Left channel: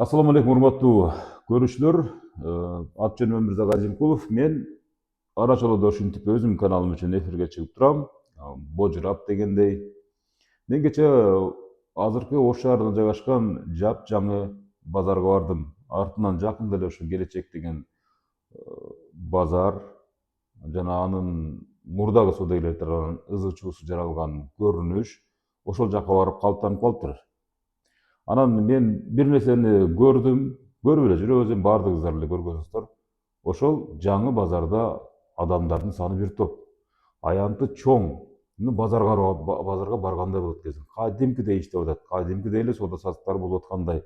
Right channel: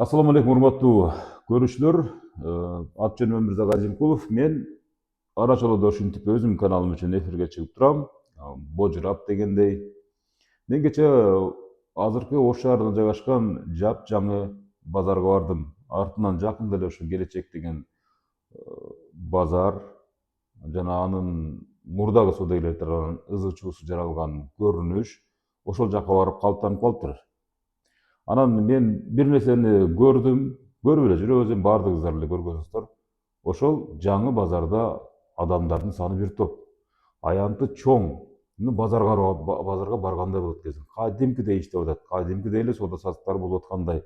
Ассаламу алейкум, урматтуу көрүүчүлөр. Ат жөнүм Өмүрзак Азимкулов. Мен ара чолодо ушинтип өзүмдүн каналым үчүн эфирге чыгып турам. Божурап дегендей. Мен кечээ азыркы Ош шаарында жайгашкан жапжаңы базарга бардым. Артынан жакында эле ушу Келечек деген базар жана анын мурдагы соодагерлер тарабынан ызы чуусу жаралган көрүнүш ошол жака барып калыптанып калыптыр. Анан мен бир нерсени көрдүм, көрүп эле жүрөбүз, эми баардыгыңыздар эле көргөнсүздөр. Ошол жаңы базарда адамдардын саны бир топ. Аянты чоң. Базарга баргандай болот кезин. Кадимкидей иштеп атат, кадимкидей эле соода саттыктар болуп аткандай.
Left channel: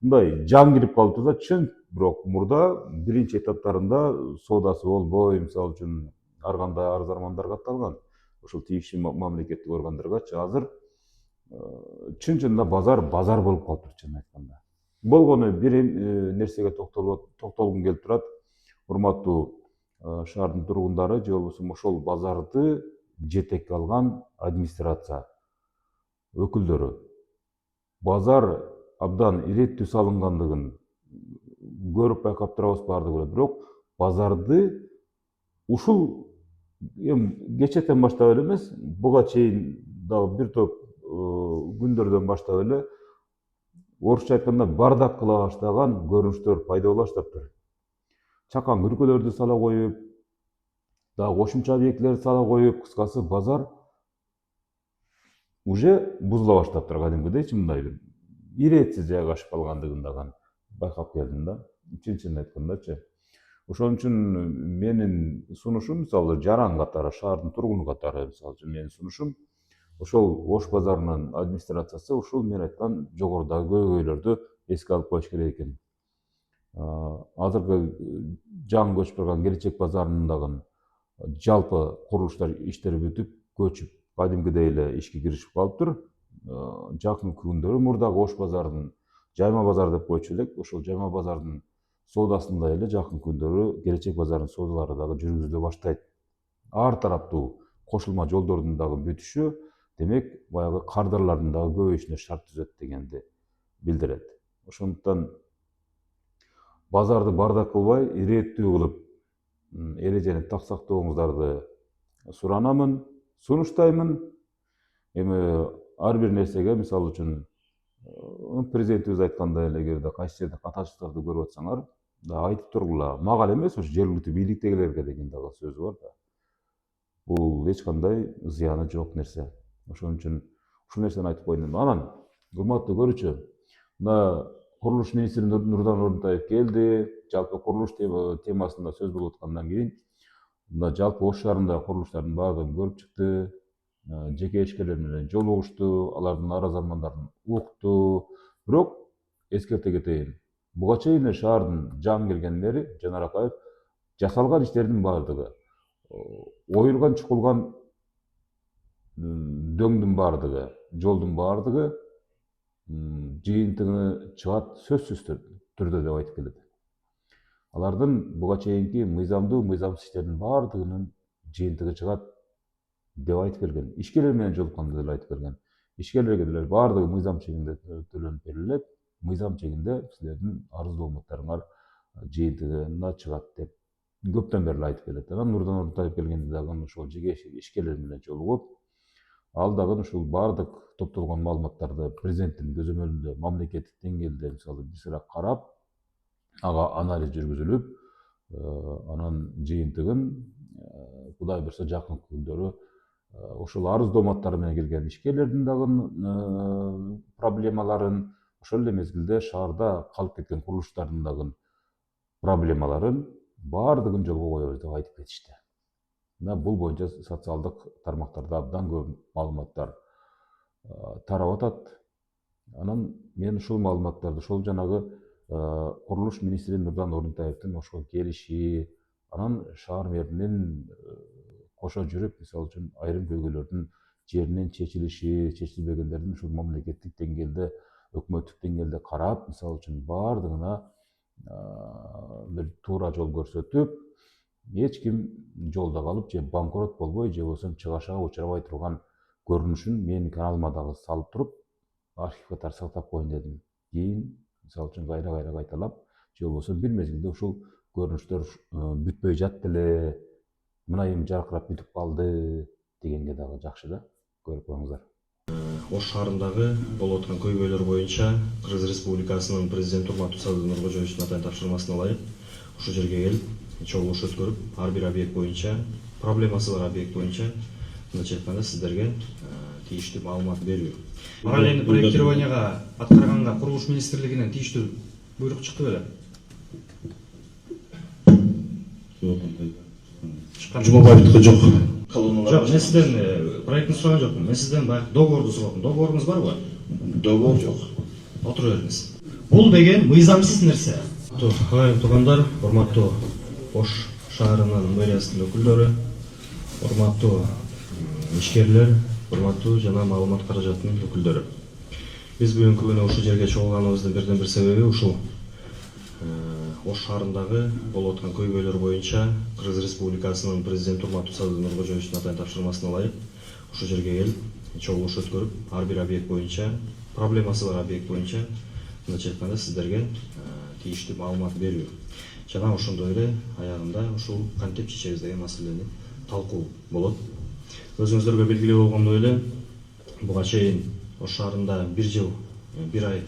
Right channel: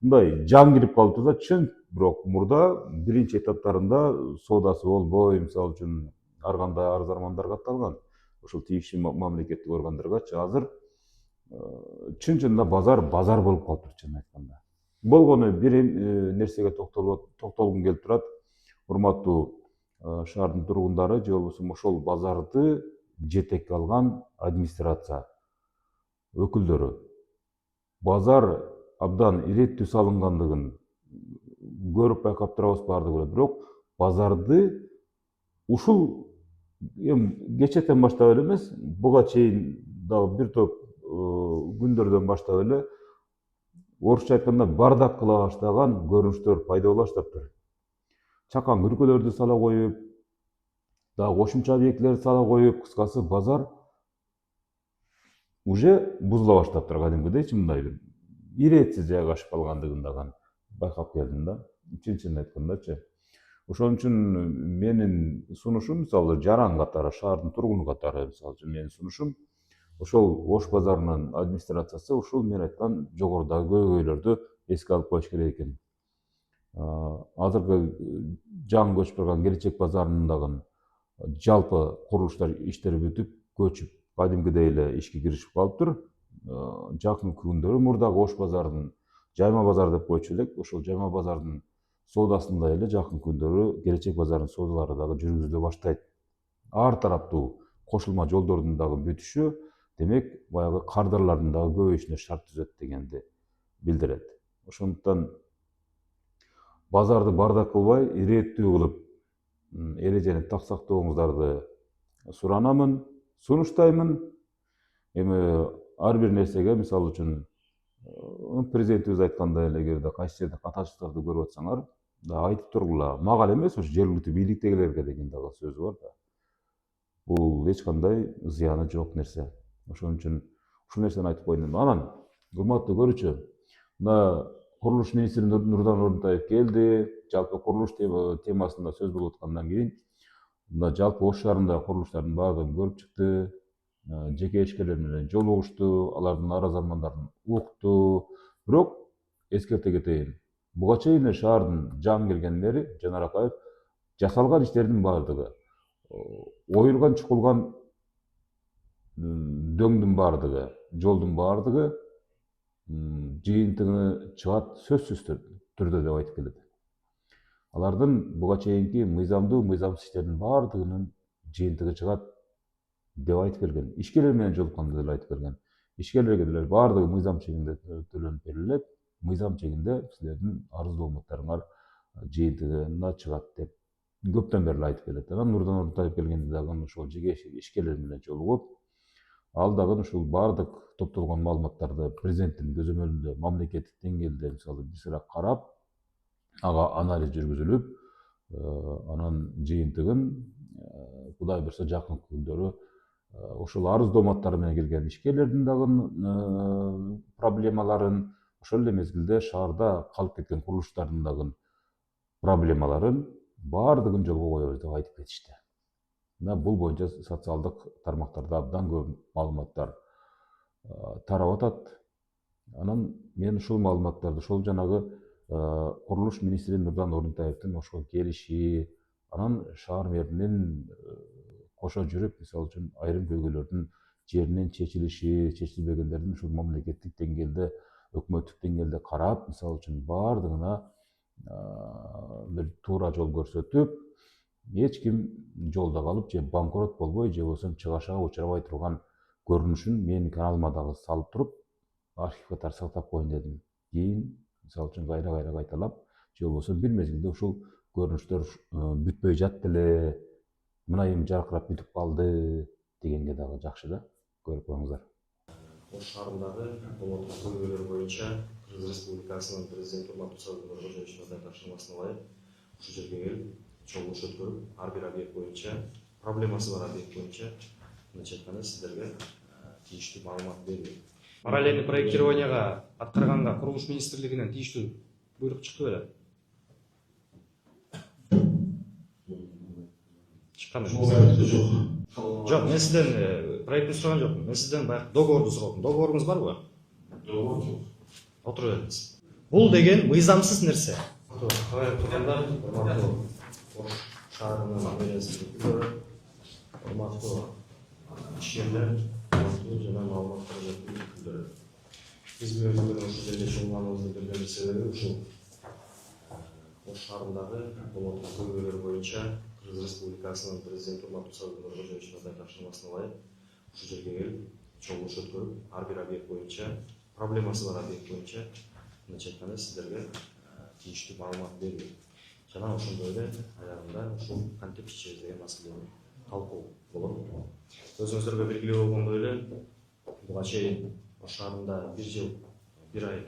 Мындай жаң кирип калыптыр да, чын, бирок мурда биринчи этаптарында соодасы болбой, мисалы үчүн ар кандай арыз армандар катталган. Ошол тийиштүү мамлекеттик органдаргачы азыр чын чынында базар болуп калыптыр, чынын айтканда. Болгону бир нерсеге токтолгум келип турат. Урматтуу шаардын тургундары же болбосо ошол базарды жетекке алган администрация өкүлдөрү. Базар абдан иреттүү салынгандыгын көрүп байкап турабыз баардыгы эле. Бирок базарды ушул эми кечээден баштап эле эмес, буга чейин дагы бир топ күндөрдөн баштап эле орусча айтканда бардак кыла баштаган көрүнүштөр пайда боло баштаптыр. Чакан күркөлөрдү сала коюп, дагы кошумча объектилерди сала коюп, кыскасы базар уже бузула баштаптыр кадимкидейчи, мындай бир иретсиз жайгашып калгандыгын дагы байкап келдим да, чын айткандачы. Ошон үчүн менин сунушум, мисалы жаран катары, шаардын тургуну катары, мисалы үчүн менин сунушум ошол Ош базарынын администрациясы ушул мен айткан жогорудагы көйгөйлөрдү эске алып коюш керек экен. Азыркы жаңы көчүп барган Келечек базарынын дагы жалпы курулуштар иштери бүтүп, көчүп, кадимкидей эле ишке киришип калыптыр. Жакынкы күндөрү мурдагы Ош базарынын Жайма базар деп койчу элек, ошол Жайма базардын соодасындай эле жакын күндөрү Келечек базарынын соодалары дагы жүргүзүлө баштайт. Ар тараптуу кошулма жолдордун дагы бүтүшү, демек баягы кардарлардын дагы көбөйүшүнө шарт түзөт дегенди билдирет. Ошондуктан базарды бардак кылбай, иреттүү кылып эрежени так сактооңуздарды суранамын, сунуштаймын. Эми ар бир нерсеге, мисалы үчүн президентибиз айткандай эле, эгерде кайсы жерде катачылыктарды көрүп атсаңар, айтып тургула. Мага эле эмес, ушу жергиликтүү бийликтегилерге деген дагы сөзү бар да. Бул эч кандай зыяны жок нерсе. Ошон үчүн ушул нерсени айтып коеюн дедим. Анан, урматтуу көрүүчү, мына курулуш министри Нурдан Орунтаев келди, жалпы курулуш темасында сөз болуп аткандан кийин, мына жалпы Ош шаарындагы курулуштардын баардыгын көрүп чыкты, жеке ишкерлер менен жолугушту, алардын арыз армандарын укту. Бирок эскерте кетейин, буга чейин эле шаардын жаңы келгенден бери Жанар Акаев жасалган иштердин баардыгы, оюлган чукулган дөңдүн баардыгы, жолдун баардыгы жыйынтыгы чыгат сөзсүз түрдө деп айтып келет. Алардын буга чейинки мыйзамсыз иштердин баардыгынын жыйынтыгы чыгат деп айтып келген. Ишкерлер менен жолукканда деле айтып келген. Ишкерлерге деле баардыгы мыйзам чегинде төлөнүп берилет, мыйзам чегинде силердин арыз дооматтарыңар жыйынтыгына чыгат деп көптөн бери айтып келет. Анан Нурдан Орунтаев келгенде дагы ошол жеке ишкерлер менен жолугуп, ал дагы ушул баардык топтолгон маалыматтарды президенттин көзөмөлүндө мамлекеттик деңгээлде мисалы бир сыйра карап, ага анализ жүргүзүлүп, анан жыйынтыгын Кудай буйрса жакынкы күндөрү ошол арыз дооматтары менен келген ишкерлердин дагы проблемаларын, ошол эле мезгилде шаарда калып кеткен курулуштардын дагы проблемаларын баардыгын жолго коебуз деп айтып кетишти. Мына бул боюнча социалдык тармактарда абдан көп маалыматтар тарап атат. Анан мен ушул маалыматтарды, ошол жанагы курулуш министри Нурдан Орунтаевдин ошол келиши, анан шаар мэринин кошо жүрүп, мисалы үчүн айрым көйгөйлөрдүн жеринен чечилиши, чечилбегендердин ушул мамлекеттик деңгээлде, өкмөттүк деңгээлде карап, мисалы үчүн баардыгына бир туура жол көрсөтүп, эч ким жолдо калып же банкрот болбой, же болбосо чыгашага учурабай турган көрүнүшүн менин каналыма дагы салып туруп, архив катары сактап коеюн дедим. Кийин мисалы үчүн кайра кайталап же болбосо бир мезгилде ушул көрүнүштөр бүтпөй жатты эле, мына эми жаркырап бүтүп калды дегенге дагы жакшы да көрүп коюңуздар. Ош шаарындагы болуп аткан көйгөйлөр боюнча Кыргыз Республикасынын президенти урматтуу Садыр Нуркожоевичтин атайын тапшырмасына ылайык ушул жерге келип чогулуш өткөрүп, ар бир объект боюнча, проблемасы бар объект боюнча мындайча айтканда сиздерге тийиштүү маалымат берүү. Параллельный проектированияга аткарганга Курулуш министрлигинен тийиштүү буйрук чыкты беле? Жумабаевдики жок. Жок, мен сизден проектни сураган жокмун. Мен сизден баягы договорду сурадым. Договоруңуз барбы? Договор жок. Отура бериңиз. Бул деген мыйзамсыз нерсе. Агайын туугандар, урматтуу Ош шаарынын мэриясынын өкүлдөрү, урматтуу ишкерлер, урматтуу жана маалымат каражатынын өкүлдөрү. Биз бүгүнкү күнү ушул жерге чогулганыбыздын бирден бир себеби ушул Ош шаарындагы болуп аткан көйгөйлөр боюнча Кыргыз Республикасынын президенти урматтуу Садыр Нуркожоевичтин атайын тапшырмасына ылайык ушул жерге келип чогулуш өткөрүп, ар бир объект боюнча, проблемасы бар объект боюнча мындайча айтканда сиздерге тийиштүү маалымат берүү. Жана ошондой эле аягында ушул кантип чечебиз деген маселени талкуу болот. Өзүңүздөргө белгилүү болгондой эле буга чейин Ош шаарында 1 жыл 1 ай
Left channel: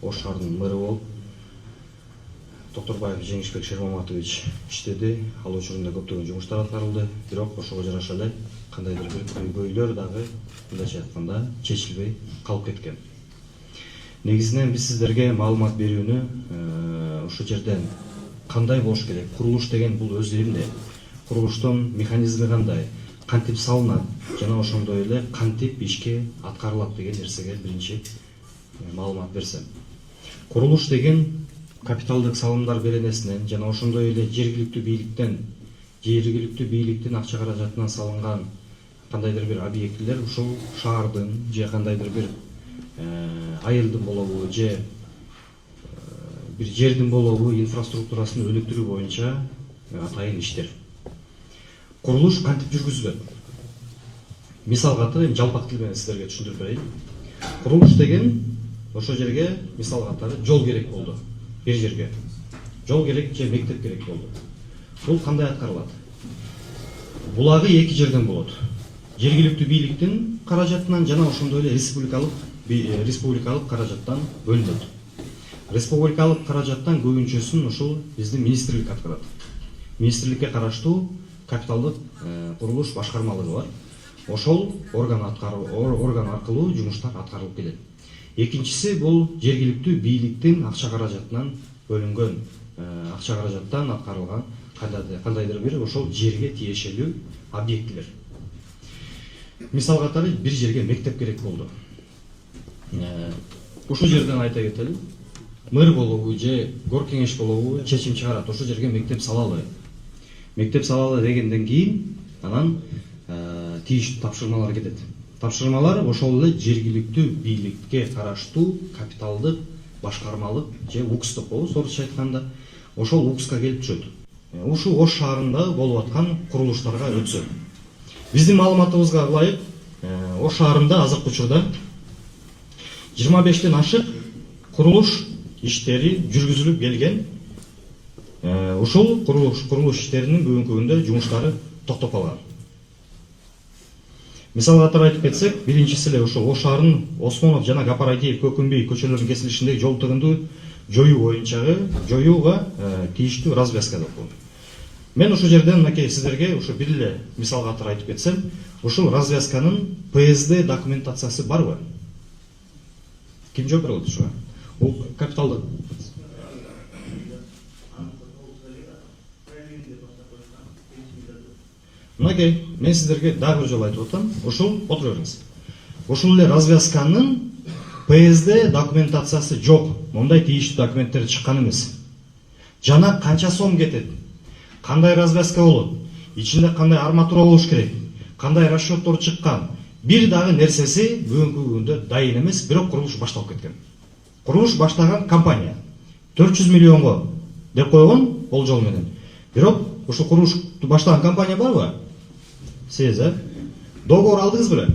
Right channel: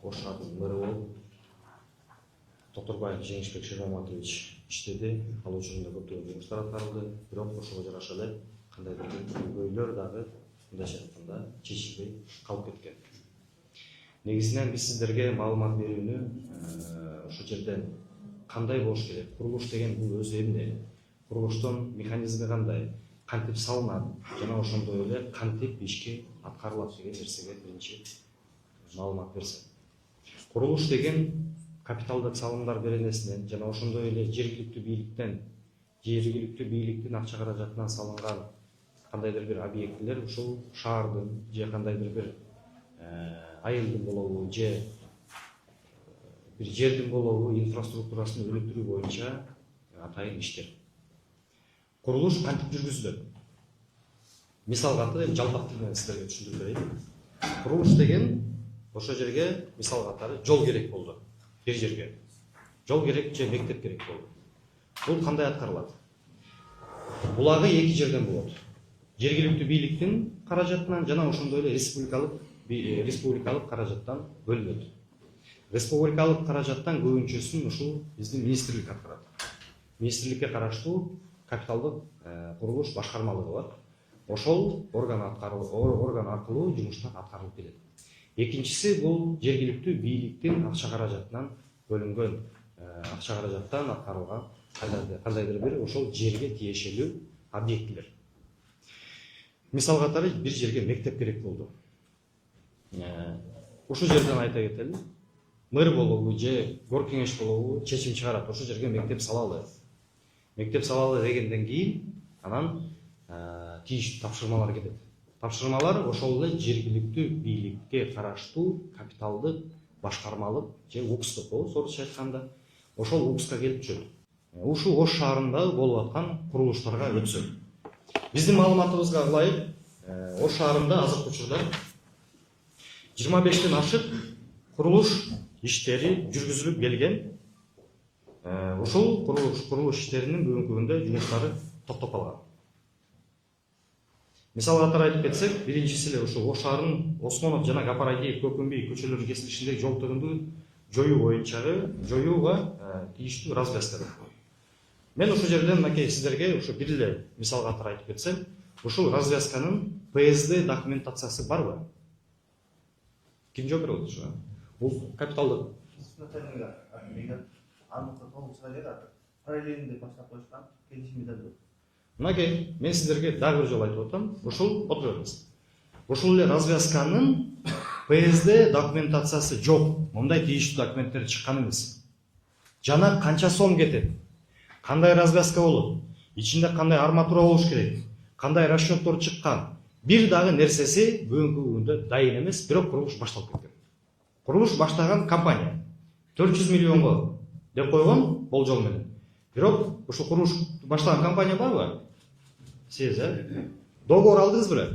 Ош шаарынын мэрі болуп Токторбаев Жеңишбек Шермаматович иштеди. Ал учурунда көптөгөн жумуштар аткарылды. Бирок ошого жараша эле кандайдыр бир көйгөйлөр дагы мындайча айтканда чечилбей калып кеткен. Негизинен биз сиздерге маалымат берүүнү ушул жерден кандай болуш керек? Курулуш деген бул өз элинде. Курулуштун механизми кандай? Кантип салынат? Жана ошондой эле кантип ишке аткарылат деген нерсеге биринчи маалымат берсем. Курулуш деген капиталдык салымдар беренесинен жана ошондой эле жергиликтүү бийликтин акча каражатынан салынган кандайдыр бир объектилер ушул шаардын же кандайдыр бир айылдын болобу же бир жердин болобу инфраструктурасын өнүктүрүү боюнча атайын иштер. Курулуш кантип жүргүзүлөт? Мисал катары жалпак тил менен сиздерге түшүндүрүп берейин. Курулуш деген ошол жерге мисал катары жол керек болду. Бир жерге жол керек же мектеп керек болду. Бул кандай аткарылат? Булагы эки жерден болот. Жергиликтүү бийликтин каражатынан жана ошондой эле республикалык каражаттан бөлүнөт. Республикалык каражаттан көбүнчөсүн ушул биздин министрлик аткарат. Министрликке караштуу капиталдык курулуш башкармалыгы бар. Ошол орган аркылуу жумуштар аткарылып келет. Экинчиси бул жергиликтүү бийликтин акча каражатынан бөлүнгөн акча каражаттан аткарылган кандайдыр бир ошол жерге тиешелүү объектилер. Мисал катары бир жерге мектеп керек болду. Ушул жерден айта кетели, мэр болобу же гор кеңеш болобу чечим чыгарат, ошол жерге мектеп салалы. Мектеп салалы дегенден кийин анан тийиштүү тапшырмалар кетет. Тапшырмалар ошол эле жергиликтүү бийликке караштуу капиталдык башкармалык же УКС деп коебуз орусча айтканда, ошол УКСка келип түшөт. Ушул Ош шаарында болуп аткан курулуштарга өтсө. Биздин маалыматыбызга ылайык, Ош шаарында азыркы учурда 25тен ашык курулуш иштери жүргүзүлүп келген. Ушул курулуш иштеринин бүгүнкү күндө жумуштары токтоп калган. Мисал катары айтып кетсек, биринчиси эле ушул Ош шаарынын Осмонов жана Гапарайтиев Көкүмбей көчөлөрүнүн кесилишиндеги жол тыгынды жоюуга тийиштүү развязка деп коет. Мен ушул жерден мынакей сиздерге ушу бир эле мисал катары айтып кетсем, ушул развязканын ПСД документациясы барбы? Ким жооп бере алат ушуга? Бул капиталдык мынакей, мен сиздерге дагы бир жолу айтып атам, ушул отура бериңиз. Ушул эле развязканын ПСД документациясы жок. Мындай тийиштүү документтер чыккан эмес. Жана канча сом кетет? Кандай развязка болот? Ичинде кандай арматура болуш керек? Кандай расчеттор чыккан? Бир дагы нерсеси бүгүнкү күндө дайын эмес, бирок курулуш башталып кеткен. Курулуш баштаган компания 400 миллионго деп койгон болжол менен. Бирок ушул курулушту баштаган компания барбы? Сиз, Договор алдыңыз беле?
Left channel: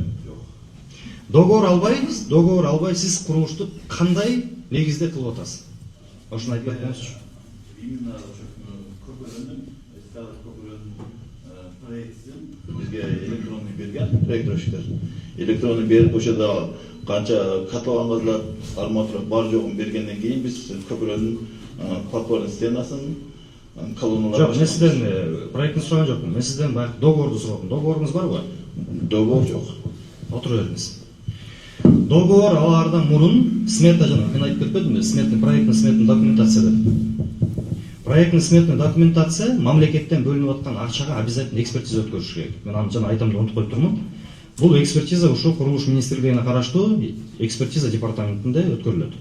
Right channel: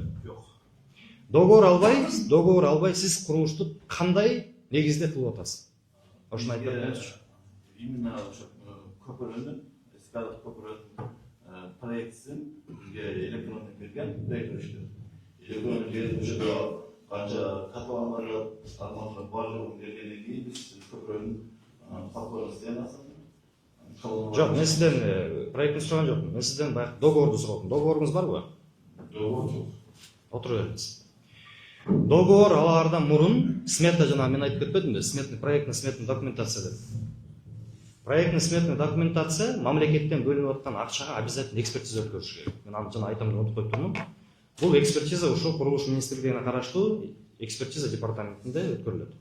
договор албай сиз курулушту кандай негизде кылып атасыз? Ошону айтып берсеңизчи. Именно ошо көпөрөнүн эскалат көпөрөнүн проектисин бизге электронный берген проектировщиктер. Электронный берип ошода канча катланган арматура бар жогун бергенден кийин биз көпөрөнүн подпорный стенасын колонналар. Жок, мен сизден проектин сураган жокмун. Мен сизден баягы договорду сурадым. Договоруңуз барбы? Договор жок. Отура бериңиз. Договор алардан мурун смета жана мен айтып кетпедимби? Проектный документация деп. Проектный сметный документация мамлекеттен бөлүнүп аткан акчага обязательно экспертиза өткөрүш керек. Мен аны жана айтам деп унутуп коюп турмун. Бул экспертиза ошо курулуш министрлигине караштуу экспертиза департаментинде өткөрүлөт.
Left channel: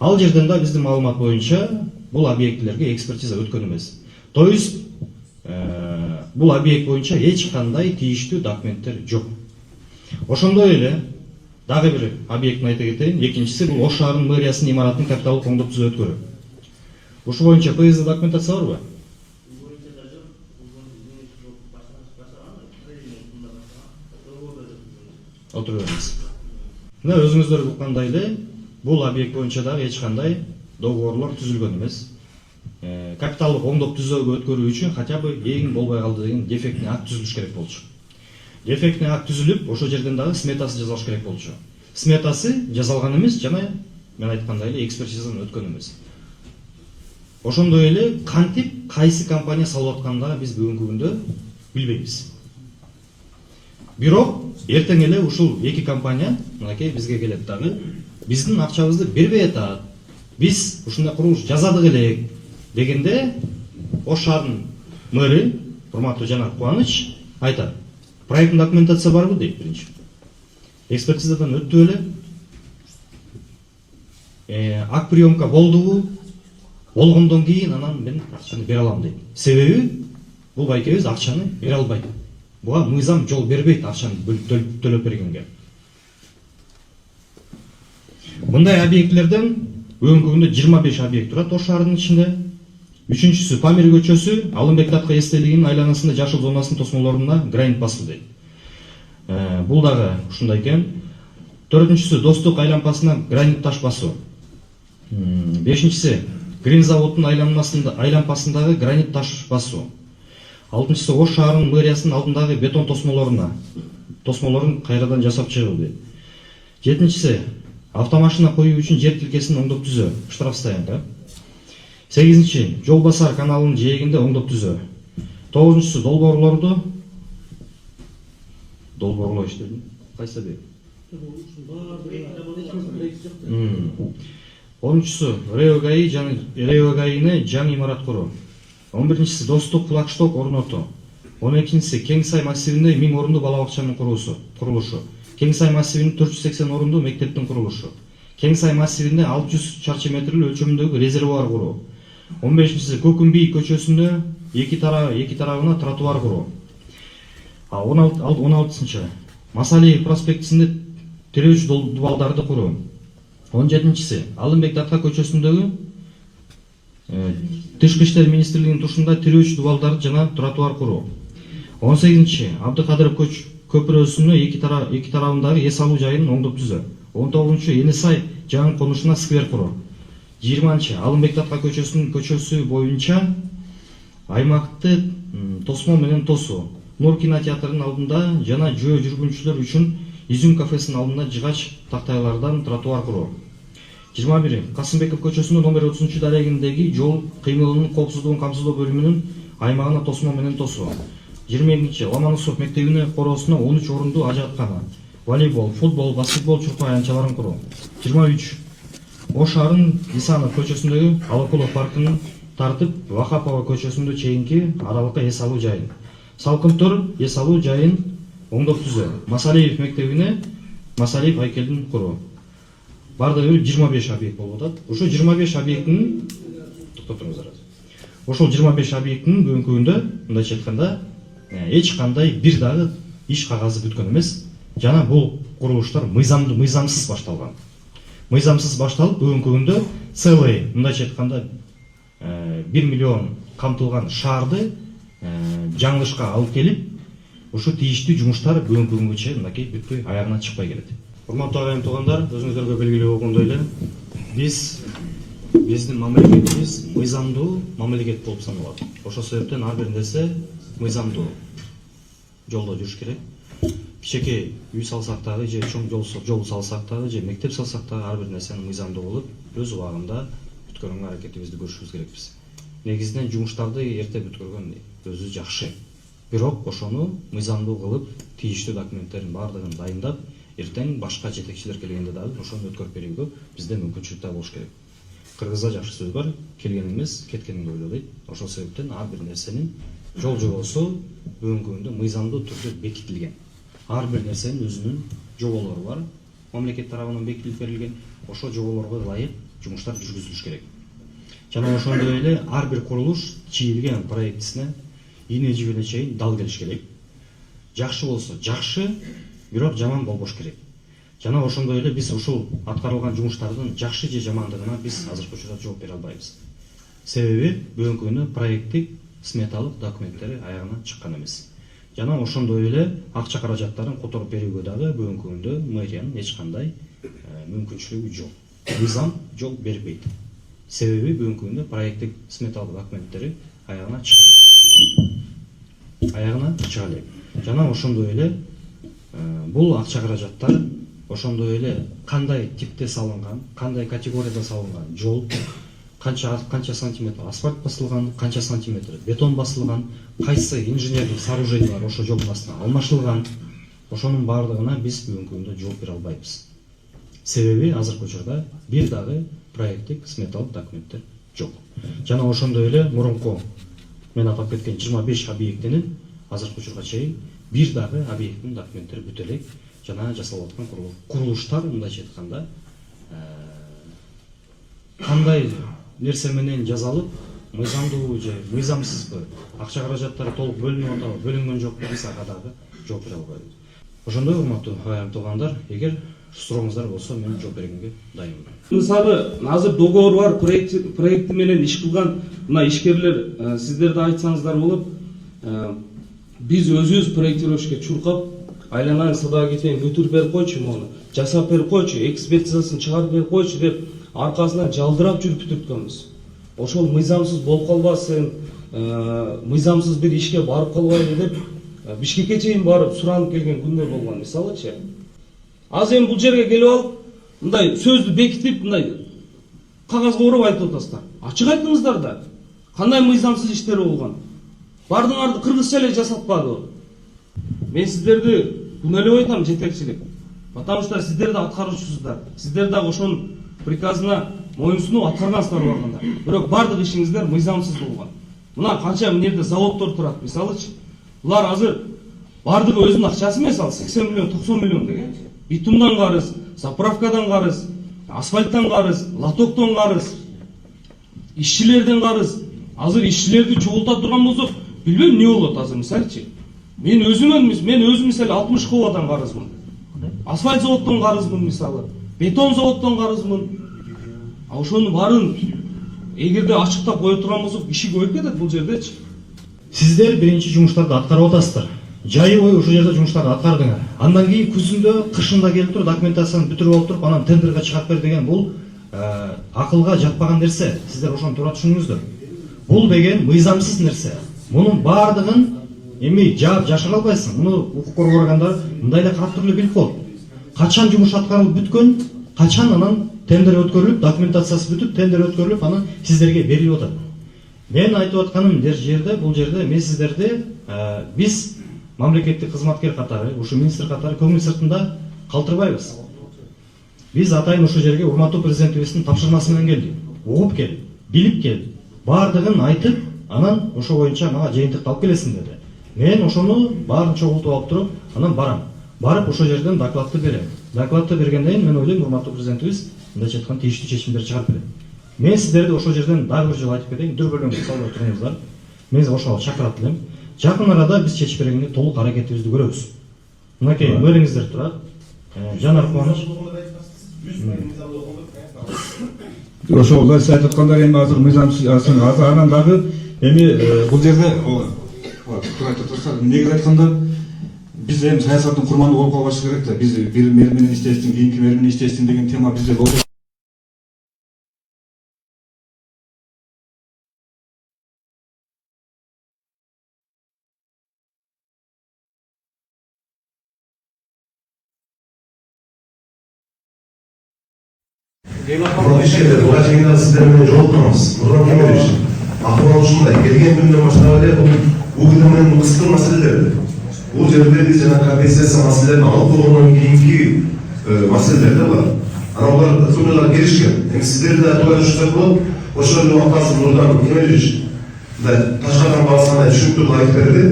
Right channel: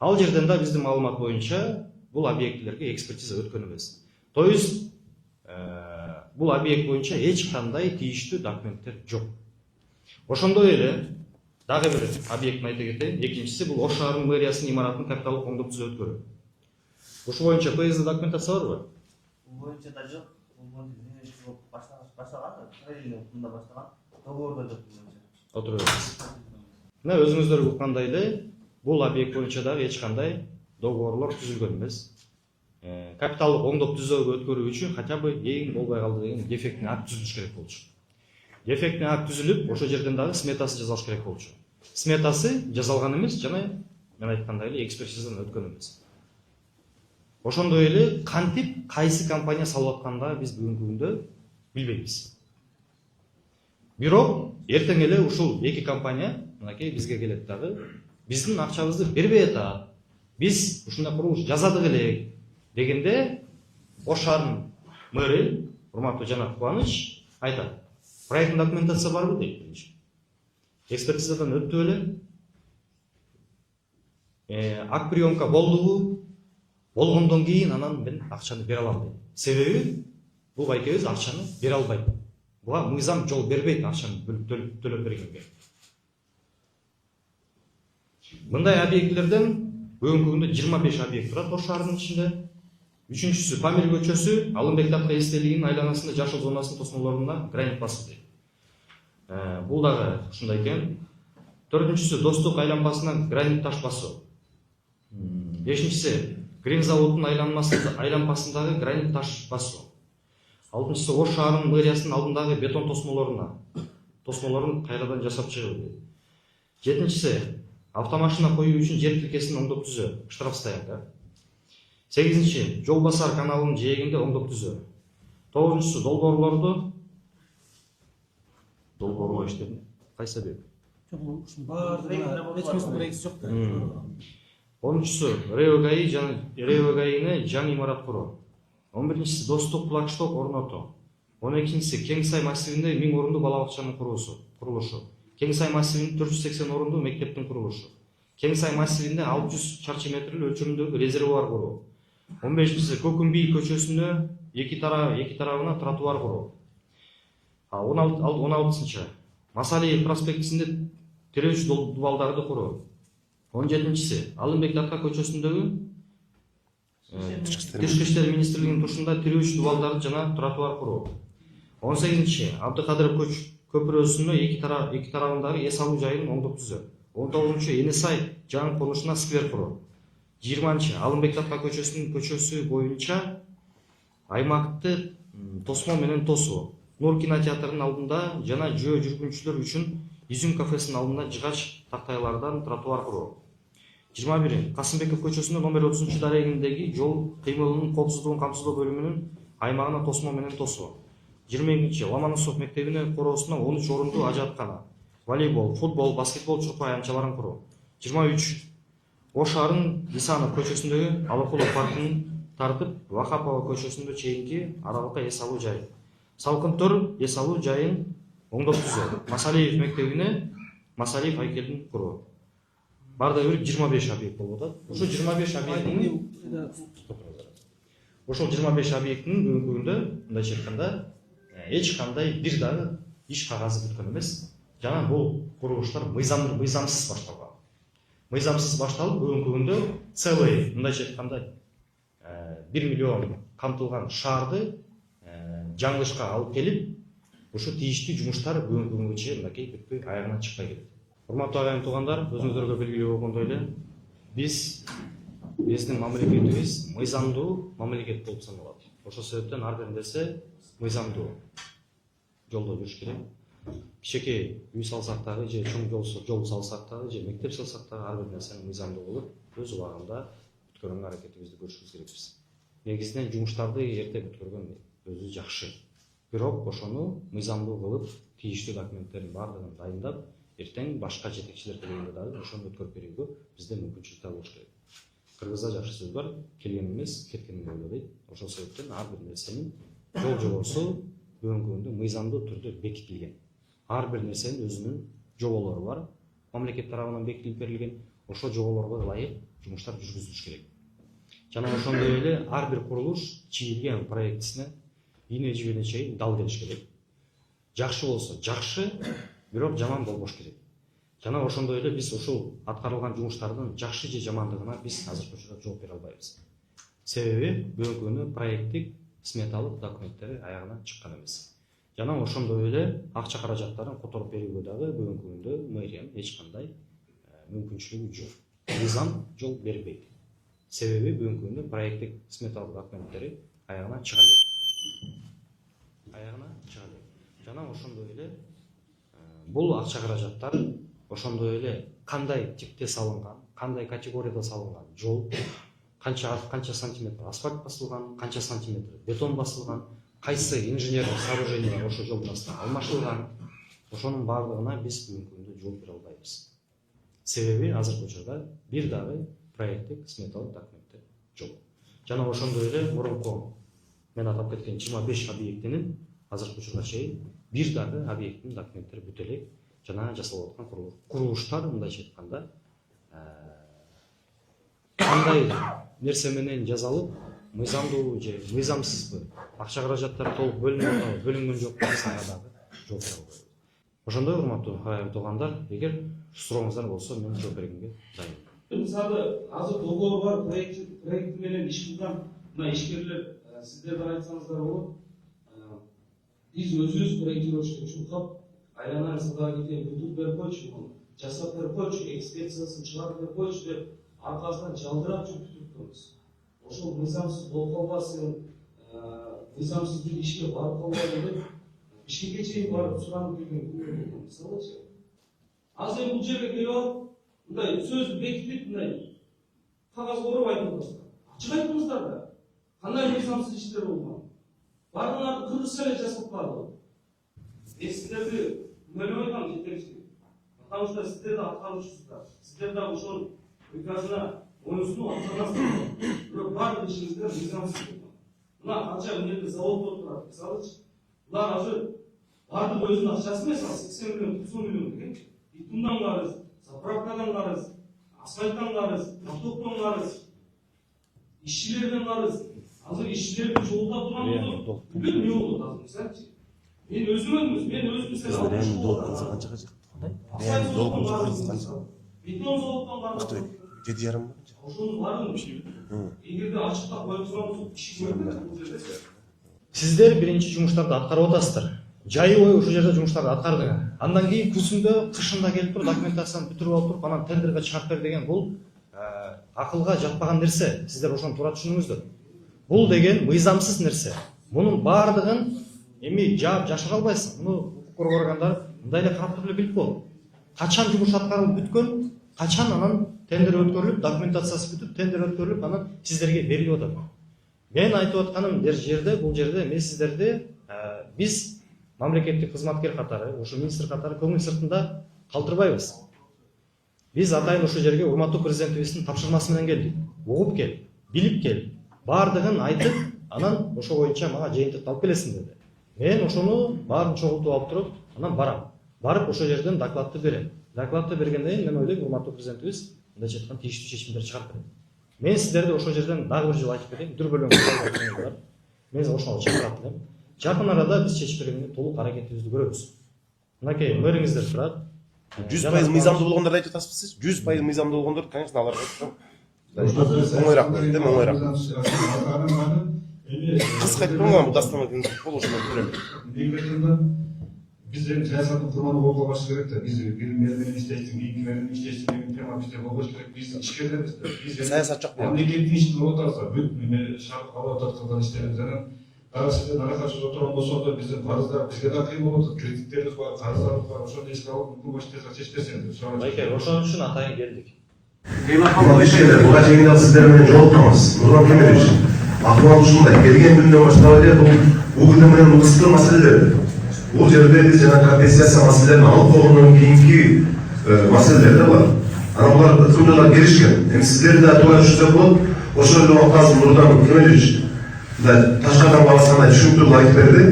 Ал жерден да биздин маалымат боюнча бул объектилерге экспертиза өткөн эмес. То есть бул объект боюнча эч кандай тийиштүү документтер жок. Ошондой эле дагы бир объектин айта кетейин. Экинчиси бул Ош шаарынын мэриясынын имаратынын капиталдык оңдоп түзөө өткөрүү. Ушул боюнча ПСД документация барбы? Боюнча да жок. Отура бериңиз. Мына өзүңүздөр уккандай эле бул объект боюнча дагы эч кандай договорлор түзүлгөн эмес. Капиталдык оңдоп түзөөгө өткөрүү үчүн хотя бы эң болбой калды деген дефектный акт түзүлүш керек болчу. Дефектный акт түзүлүп, ошол жерден дагы сметасы жасалыш керек болчу. Сметасы жасалган эмес жана мен айткандай эле экспертизадан өткөн эмес. Ошондой эле кантип кайсы компания салып атканда биз бүгүнкү күндө билбейбиз. Бирок эртең эле ушул эки компания мынакей бизге келет дагы биздин акчабызды бербей атат. Биз ушундай курулуш жасадык элек дегенде Ош шаарынын мэри урматтуу Жанар Кубаныч айтат. Проектный документация барбы дейт биринчи. Экспертизадан өттү эле. Акт приемка болдубу? Болгондон кийин анан мен акчаны бере алам дейт. Себеби бул байкебиз акчаны бере албайт. Буга мыйзам жол бербейт акчаны төлөп бергенге. Мындай объектилерден бүгүнкү күндө 25 объект турат Ош шаарынын ичинде. Үчүнчүсү Памир көчөсү, Алымбек Датка эстелигинин айланасында жашыл зонасынын тосмолоруна гранит басуу дейт. Бул дагы ушундай экен. Төртүнчүсү Достук айланпасына гранит таш басуу. Бешинчиси Грин заводдун айланпасындагы гранит таш басуу. Алтынчысы Ош шаарынын мэриясынын алдындагы бетон тосмолорун кайрадан жасап чыгуу дейт. Жетинчиси автомашина коюу үчүн жер тилкесин оңдоп түзөө, штраф стоянка. 8-нчи жол басар каналынын жээгинде оңдоп түзөө. 9-нчысы долбоорлоо иштеди. Кайсы бек? 10-нчысы Реогаине жаңы имарат куруу. 11-нчisi Достук флагшток орнотуу. 12-нчisi Кең сай массивинде 1000 орундуу бала бакчанын курулушу. Кең сай массивинде 480 орундуу мектептин курулушу. Кең сай массивинде 600 чарчы метрлүү өлчөмүндөгү резервуар куруу. 15-нчisi Көкүмбий көчөсүндө эки тарабына тротуар куруу. 16-нчы Масалиев проспектисинде тирөөч дубалдарды куруу. 17-нчisi Алымбек Датка көчөсүндөгү Тышкы иштер министрлигинин тушунда тирөөч дубалдарды жана тротуар куруу. 18-нчи Абдыкадыров көпүрөсүнө эки тарабындагы эс алуу жайын оңдоп түзөө. 19-нчу Энисай жаңы конушуна сквер куруу. 20-нчы Алымбек Датка көчөсү боюнча аймакты тосмо менен тосуу. Нур кинотеатрынын алдында жана жөө жүргүнчүлөр үчүн Изюм кафесинин алдында жыгач тактайлардан тротуар куруу. 21 Касымбеков көчөсүнүн номер 30 дарегиндеги жол кыймылынын коопсуздугун камсыздоо бөлүмүнүн аймагына тосмо менен тосуу. 22 Ломоносов мектебине короосуна 13 орундуу ажаткана, волейбол, футбол, баскетбол чуркоо аянтчаларын куруу. 23 Ош шаарынын Исанов көчөсүндөгү Алыкулов паркын тартып, Вахапова көчөсүндө чейинки аралыкка эс алуу жайын. Салкынтор эс алуу жайын оңдоп түзөө. Масалиев мектебине Масалиев айкелин куруу. Бардыгы 25 объект болуп атат. Ушул 25 объекттин Ушул 25 объекттин бүгүнкү күндө мындайча айтканда эч кандай бир дагы иш кагазы бүткөн эмес. Жана бул курулуштар мыйзамсыз башталган. Мыйзамсыз башталып бүгүнкү күндө целый мындайча айтканда 1 миллион камтылган шаарды жаңылышка алып келип, ушу тийиштүү жумуштар бүгүнкү күнгө чейин мынакей бүтпөй аягына чыкпай келет. Урматтуу агайым туугандар, өзүңүздөргө белгилүү болгондой эле биздин мамлекетибиз мыйзамдуу мамлекет болуп саналат. Ошол себептен ар бир нерсе мыйзамдуу жолдо жүрүш керек. Кичинекей үй салсак дагы же чоң жол салсак дагы же мектеп салсак дагы ар бир нерсени мыйзамдуу кылып өз убагында бүткөргөнгө аракетибизди көрүшүбүз керекпиз. Негизинен жумуштарды эрте бүткөргөн өзү жакшы. Бирок ошону мыйзамдуу кылып, тийиштүү документтердин баардыгын дайындап, эртең башка жетекчилер келгенде дагы ошону өткөрүп берүүгө бизде мүмкүнчүлүк да болуш керек. Кыргызда жакшы сөз бар, келген эмес, кеткенин ойло дейт. Ошол себептен ар бир нерсенин жол жобосу бүгүнкү күндө мыйзамдуу түрдө бекитилген. Ар бир нерсенин өзүнүн жоболору бар. Мамлекет тарабынан бекитилип берилген. Ошол жоболорго ылайык жумуштар жүргүзүлүш керек. Жана ошондой эле ар бир курулуш чийилген проектисине ийне жибине чейин дал келиш керек. Жакшы болсо жакшы, бирок жаман болбош керек. Жана ошондой эле биз ушул аткарылган жумуштардын жакшы же жамандыгына биз азыркы учурда жооп бере албайбыз. Себеби бүгүнкү күндө проекттик сметалык документтери аягына чыккан эмес. Жана ошондой эле акча каражаттарын которуп берүүгө дагы бүгүнкү күндө мэриянын эч кандай мүмкүнчүлүгү жок. Мыйзам жол бербейт. Себеби бүгүнкү күндө проекттик сметалык документтери аягына чыга элек. Жана ошондой эле бул акча каражаттар ошондой эле кандай типте салынган, кандай категорияда салынган жол, канча сантиметр асфальт басылган, канча сантиметр бетон басылган, кайсы инженердик сооружениялар ошо жолдун астына алмашылган, ошонун баардыгына биз бүгүнкү күндө жооп бере албайбыз. Себеби азыркы учурда бир дагы проекттик сметалык документтер жок. Жана ошондой эле мурунку мен атап кеткен 25 объектинин азыркы учурга чейин бир дагы объекттин документтери бүтө элек. Жана жасалып аткан курулуштар мындайча айтканда кандай нерсе менен жасалып, мыйзамдуу же мыйзамсызбы, акча каражаттары толук бөлүнүп атабы, бөлүнгөн жокпу, биз ага дагы жооп бере албайбыз. Ошондой урматтуу агайым туугандар, эгер сурооңуздар болсо мен жооп бергенге дайынмын. Мисалы, азыр договор бар, проекти менен иш кылган мына ишкерлер сиздер да айтсаңыздар болот. Биз өзүбүз проектировщикке чуркап, айланайын садага кетейин, бүтүрүп берип койчу, мону жасап берип койчу, экспертизасын чыгарып берип койчу деп аркасынан жалдырап жүрүп бүтүрткөнбүз. Ошол мыйзамсыз болуп калбасын, мыйзамсыз бир ишке барып калбайлы деп Бишкекке чейин барып суранып келген күндөр болгон, мисалычы. Азыр эми бул жерге келип алып, мындай сөздү бекитип, мындай кагазга уруп айтып атасыздар. Ачык айтыңыздар да. Кандай мыйзамсыз иштер болгон? Бардыңарды кыргызча эле жасатпадыбы? Мен сиздерди күнөө эле айтам, жетекчилик. Потому что сиздер да аткаруучусуздар. Сиздер да ошонун приказына моюнсунуп аткаргансыздар болгондор. Бирок бардык ишиңиздер мыйзамсыз болгон. Мына канча мынерде заводдор турат, мисалычы. Булар азыр бардыгы өзүнүн акчасы эмес, ал 80 миллион, 90 миллион деген. Битумдан карыз, заправкадан карыз, асфальттан карыз, лотоктон карыз, ишчилерден карыз. Азыр ишчилерди чогулта турган болсок, билбейм эмне болот азыр, мисалычы. Мен өзүм мисалы 60 кубадан карызмын. Асфальт заводдон карызмын мисалы. Бетон заводдон карызмын. Ошонун баарын эгерде ачыктап кое турган болсок, иши көбөйүп кетет бул жердечи. Сиздер биринчи жумуштарды аткарып атасыздар. Жайы бою ушул жерде жумуштарды аткардыңар. Андан кийин күзүндө, кышында келип туруп документацияны бүтүрүп алып туруп, анан тендерге чыгарып бер деген бул акылга жатпаган нерсе. Сиздер ошону туура түшүнүңүздөр. Бул деген мыйзамсыз нерсе. Мунун баардыгын эми жаап жашыра албайсың. Муну укук коргоо органдары мындай эле карап туруп эле билип болот. Качан жумуш аткарылып бүткөн, качан анан тендер өткөрүлүп, документациясы бүтүп, тендер өткөрүлүп, анан сиздерге берилип атат. Мен айтып атканым бул жерде мен сиздерди биз мамлекеттик кызматкер катары, ушу министр катары көңүл сыртында калтырбайбыз. Биз атайын ушул жерге урматтуу президентибиздин тапшырмасы менен келдик. Угуп кел, билип кел, баардыгын айтып, анан ошо боюнча мага жыйынтыкты алып келесиң деди. Мен ошону баарын чогултуп алып туруп, анан барам. Барып ошол жерден докладты берем. Докладты бергенден кийин мен ойлойм, урматтуу президентибиз мындайча айтканда тийиштүү чечимдер чыгарып берет. Мен сиздерди ошол жерден дагы бир жолу айтып кетейин, дүрбөлөң суроо бар. Мен ошого чакырып элем. Жакын арада биз чечип бергенге толук аракетибизди көрөбүз. Мынакей мөрүңүздөр турат. 100% мыйзамдуу болгондорду айтып атасызбы сиз? 100% мыйзамдуу болгондорду, конечно, алар. Ошол сиз айткандар эми азыр мыйзамсыз анан дагы эми бул жерде негизи айтканда Biz hem саясаттын курманы болуп калбашы керек да. Biz bir meri менен иштештин, кийинки мери менен иштештин деген тема бизде болбош керек. Biz ишкерлербиз да. Biz Саясат жок болот. мемлекеттик ишти болуп атабыз. Бүт шарт алып аткан иштерибиз анан дагы сизден аракачып отурган болсок да биздин карыздар бизге да кыйын болот. Кредиттерибиз бар, карыздарыбыз бар. Ошону эске алып мүмкүн башкача чечпесеңиз. Байке, ошон үчүн атайын келдик. Мына ишкерлер буга жеңил сиздер менен жолуктурмыз. Нурлан Кемелевич, акыбал ушундай келген күндөн баштап эле бул менен ысты маселелер. Бул жерде биз жана компенсация маселелерин алып болгондон кийинки маселелер да бар. Анан булар ыкымдуулар келишкен. Эми сиздер да туура жүрсөк болот. Ошол эле убакта Нурлан Кемелевич Ташкардан каласына түшүнүктүү айтып берди.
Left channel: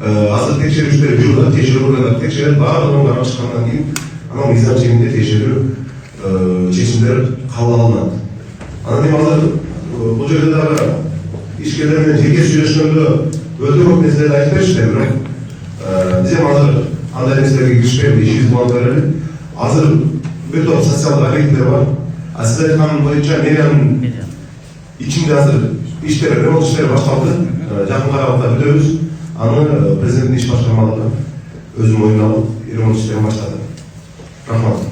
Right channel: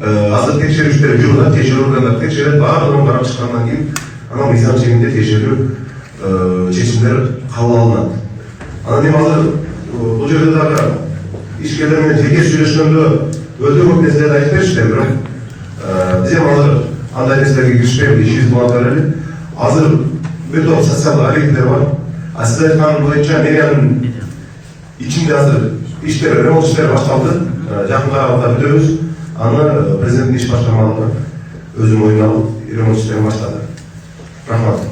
Азыр текшерүүчүлөр жүрүп, текшерүүгө текшерет, баардыгын карап чыккандан кийин анан мыйзам чегинде текшерүү чечимдер кабыл алынат. Анан эми азыр бул жерде дагы ишкерлер менен жеке сүйлөшкөндө өтө көп нерселерди айтып беришти, бирок биз эми азыр андай нерселерге киришпейбиз, ишибизди уланта берели. Азыр өтө социалдык объекттер бар. А сиз айткан боюнча мэриянын ичинде азыр иштер, ремонт иштери башталды. Жакын аралыкта бүтөбүз. Аны президенттин иш башкармалыгы өзү мойнуна алып ремонт иштерин баштады. Рахмат.